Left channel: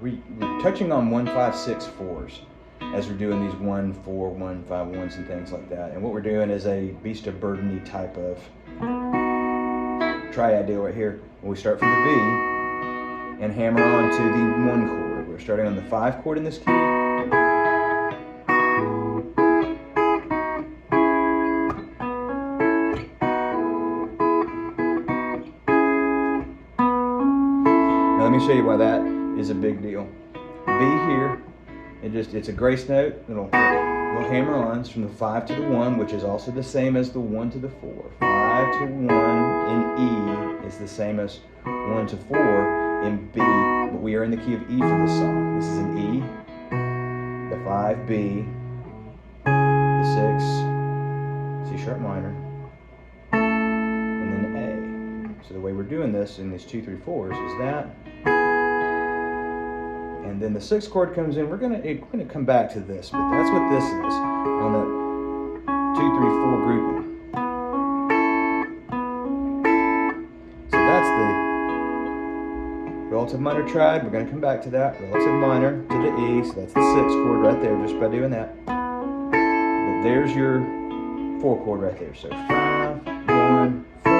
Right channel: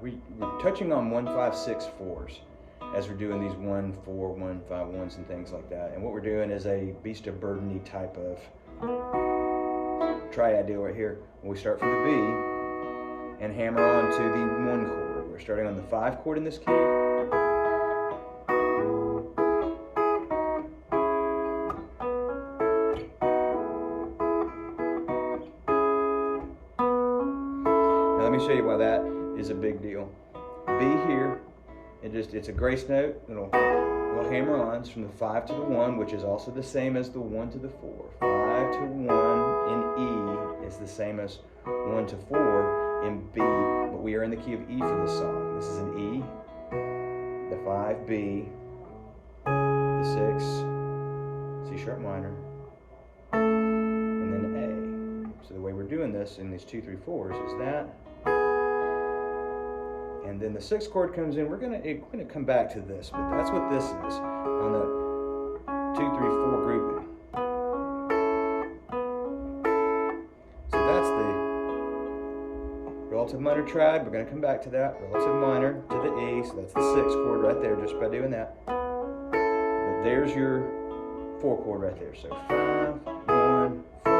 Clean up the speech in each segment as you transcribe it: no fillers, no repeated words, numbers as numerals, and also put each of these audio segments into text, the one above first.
we're touching on 1, 5, 6, 4s as we're doing these 1, 4, 1, 5, 1s and things like that. And what we're doing is a beast of burden-y type of triad deal right here. When we start from the B and hammer on to the 1 chord. We're starting on the 5 chord in this key. Now let me show you why that is a big deal. B here, it's a grace note. It'll hammer on from the 5 to the 1, which is also the same as the 1 to the 4. 5 to 1 in E is the same as 1 to 4 in B, but we are in the key of E for this song. This is an E, the 5 B, the 6 C sharp minor, and then A. So the way we're doing this in these 2, 3, 4s is that. And then the 6th chord comes in. We're gonna come back to this, but that's what this is on the 2, 3, 4 grouping. So that's the relative minor triad. We're gonna come back to that. Relative minor to the E, so that's the 6th chord right there, just by doing that. But there's your 4 chord right there. So 5, 1, 4.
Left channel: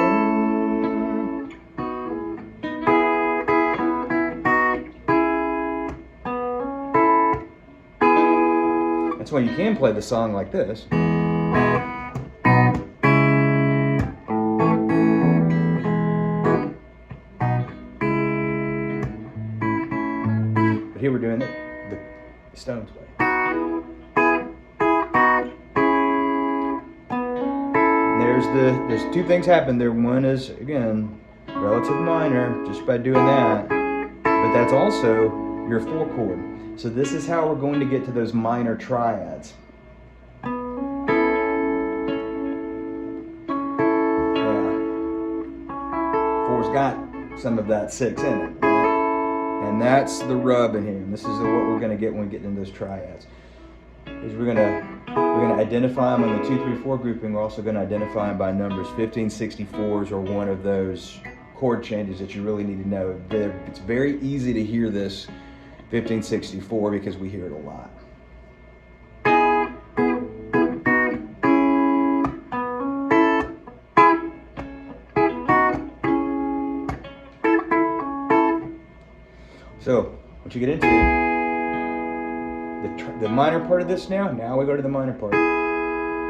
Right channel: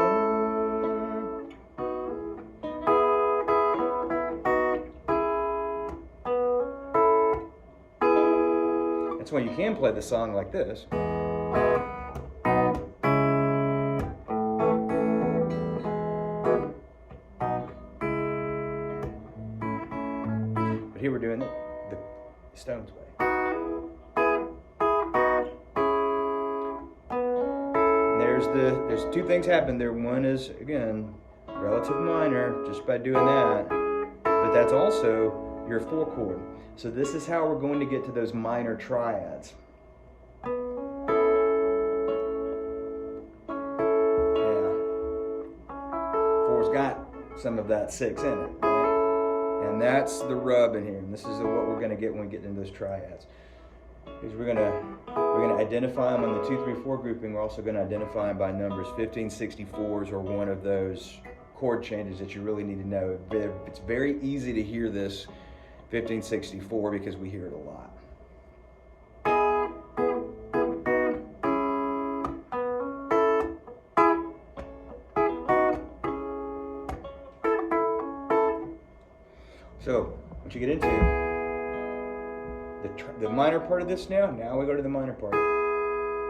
That's why you can play the song like this. But here we're doing it the Stones way. And there's 2 things happen there. One is, again, relative minor, just by doing that. But that's also your 4 chord. So this is how we're going to get to those minor triads. Yeah. 4's got some of that 6 in it, right? And that's the rub in here. And this is what we're going to get when we get into those triads. Is we're going to identify them on the 2, 3, 4 grouping. We're also going to identify them by numbers. 1564s are one of those chord changes that you really need to know. It's very easy to hear this 1564 because we hear it a lot. So once you get into the minor part of this now we go to the minor part.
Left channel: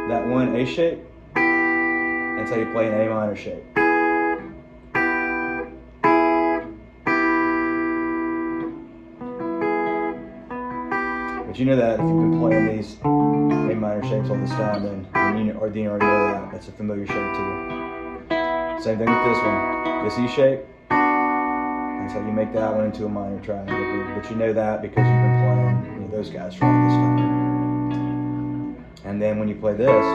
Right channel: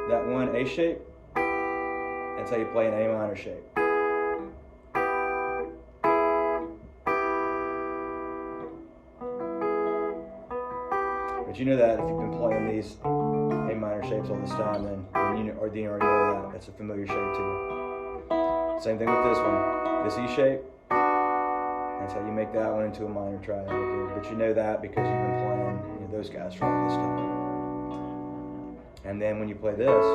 That one A shape, that's how you play an A minor shape. But you know that if you've been playing these A minor shapes all this time, then you already know that. That's a familiar shape to you. Same thing with this one. This E shape, that's how you make that one into a minor triad. But you know that because you've been playing those guys for all this time. And then when you play this,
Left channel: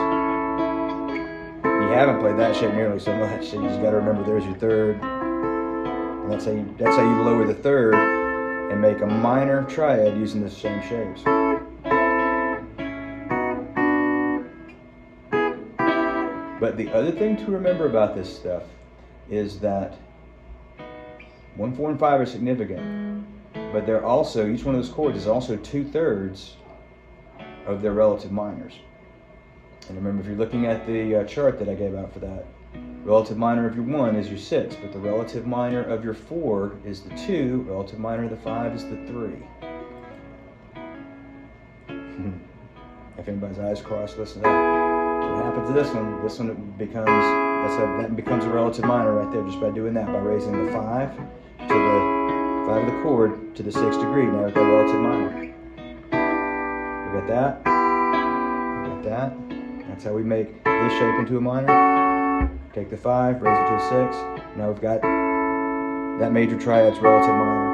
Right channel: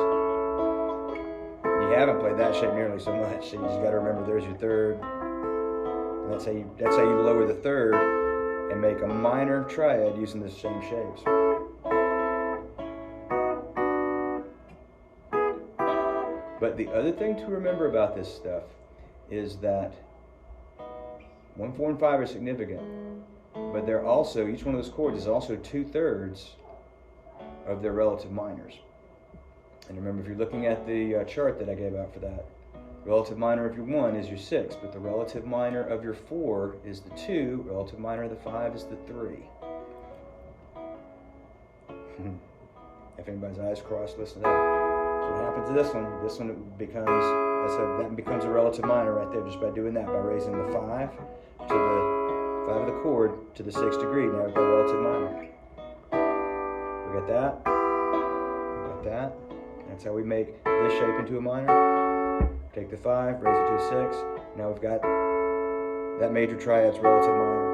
you haven't played that shape nearly so much. So you just got to remember there's your 3rd. And that's how you lower the 3rd. And make a minor triad using the same shapes. But the other thing to remember about this stuff is that 1, 4, and 5 are significant, but they're also, each one of those chords is also 2/3 of their relative minors. And remember, if you're looking at the chart that I gave out for that, relative minor of your 1 is your 6, but the relative minor of your 4 is the 2, relative minor of the 5 is the 3. If anybody's eyes crossed, listen to that. So what happens to this one? This one becomes a relative minor right there just by doing that, by raising the 5 to the 5 of the chord to the 6th degree. Now we've got a relative minor. We got that. We got that. That's how we make this shape into a minor. Take the 5, raise it to a 6. Now we've got that major triad's relative minor.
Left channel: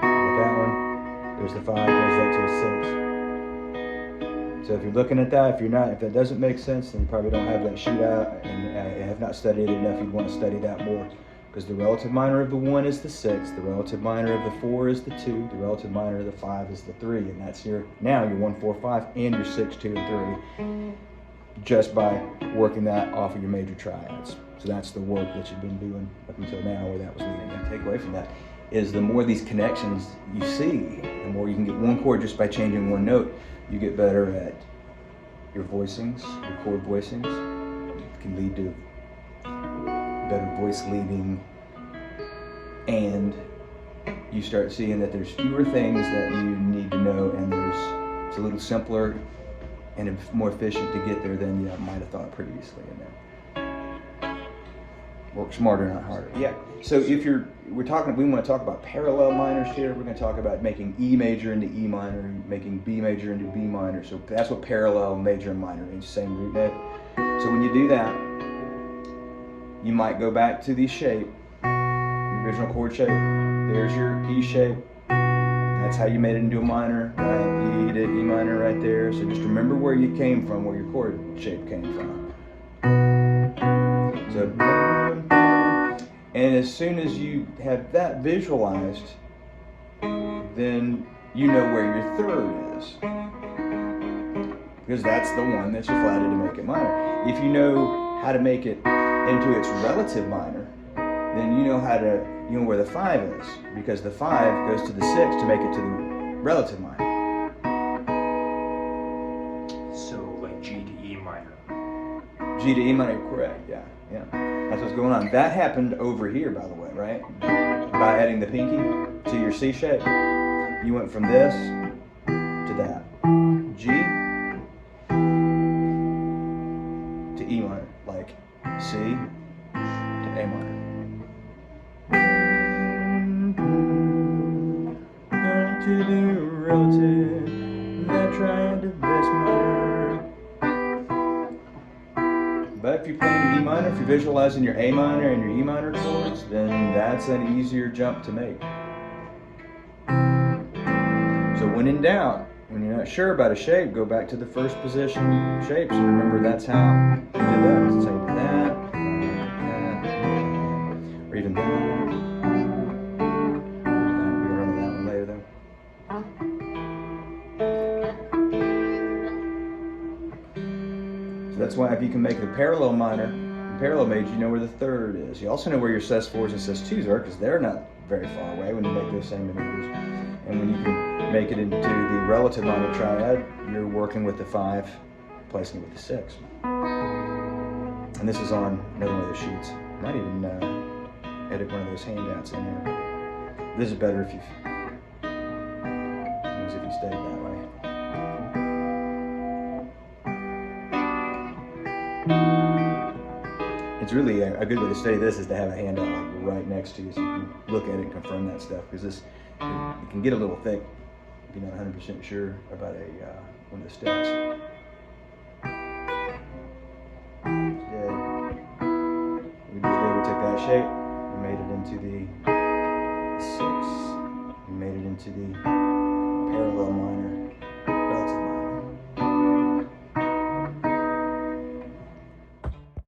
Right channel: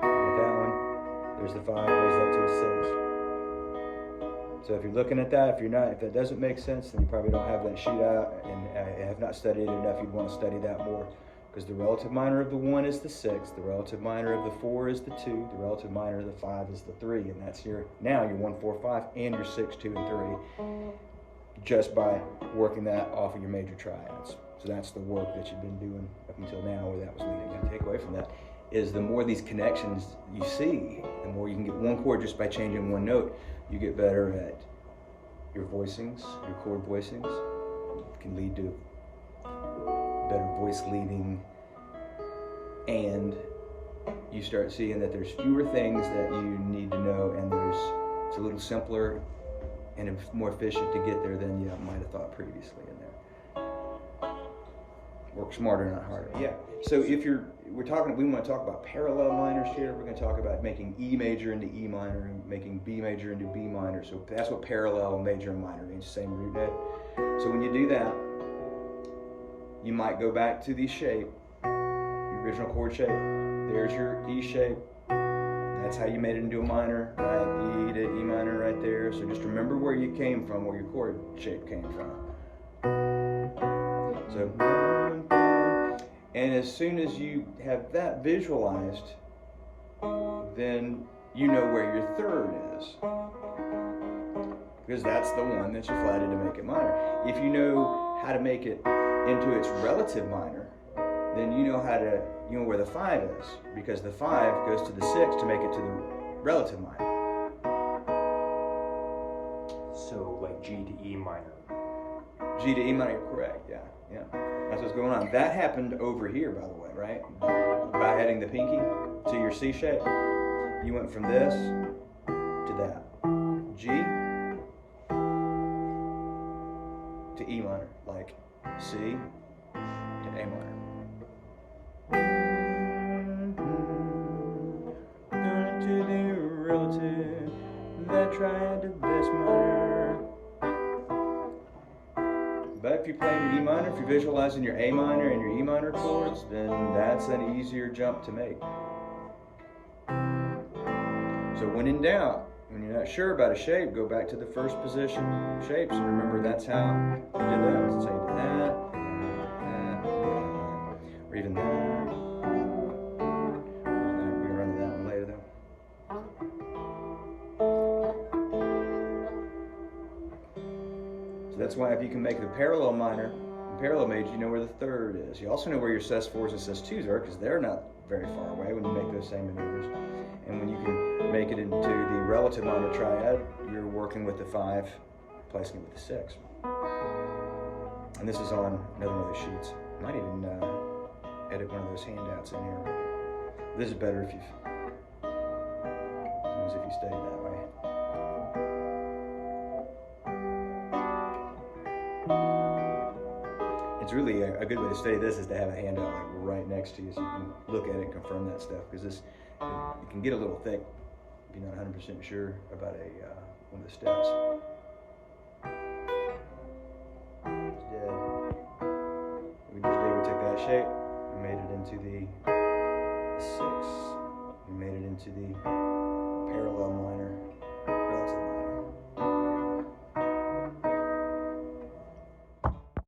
Got that one. There's the 5, raise that to a 6. So if you're looking at that, if that doesn't make sense, then you probably don't have that sheet out and have not studied it enough. You'd want to study that more. Because the relative minor of the 1 is the 6, the relative minor of the 4 is the 2, the relative minor of the 5 is the 3, and that's your 1, 4, 5, and your 6, 2, and 3, just by working that off of your major triads. So that's the work that you've been doing up until now, where that was leading. And take away from that is the more these connections you see, the more you can get one chord just by changing one note, you get better at your voicings, your chord voicings. It can lead to better voice leading, and you start seeing that there's fewer things that you need to know, and it's a little simpler and more efficient to get there than you might have thought previously in there. Work smarter, not harder. Yeah. So if we want to talk about parallel minors here. We're going to talk about making E major into E minor, and making B major into B minor. So that's what parallel major and minor means, same root note. So when you do that, you might go back to the shape, the original chord shape. There's your E shape. That's how you made it into a minor, right? E to E minor right there. So just remember where you came from, where your chord shape came from. So, and as soon as you have that visualized, then you know where your third is, because that's the one that you flatted to make it minor. If you know how to make it into its relative minor, then you know where the 5 is, because the 5 goes to the 6 to make it to the relative minor. So like G to E minor. G to E minor, correct, yeah. That's what's going on. That happened over here, by the way, right? By adding the pinky to your C shape, you went from this to that. G to E minor, like C to A minor. To the relative, that triad to bass minor. But if you're playing your E minor, if you're visualizing your A minor and your E minor chords, then that's an easier jump to make. So when in doubt, when you're not sure about a shape, go back to the first position shapes, and remember that's how you did that. That's how you did that, or even that. We can run to that one later though. So that's why if you can make the parallel minor and parallel major, you know where the third is. You also know where your sus4s and sus2s are, because they're not very far away when you make those same maneuvers. And when you can make it into the relative minor triad, you're working with the 5, placing it with the 6. And this is on another one of those sheets. I might even edit one of those handouts in here. This is better if you stayed that way. It's really a good way to study this is to have a handout like right next to you, so you can look at it and confirm that stuff, because it can get a little thick if you're not 100% sure about one of the steps. We took that shape, we made it into the 6, we made it into the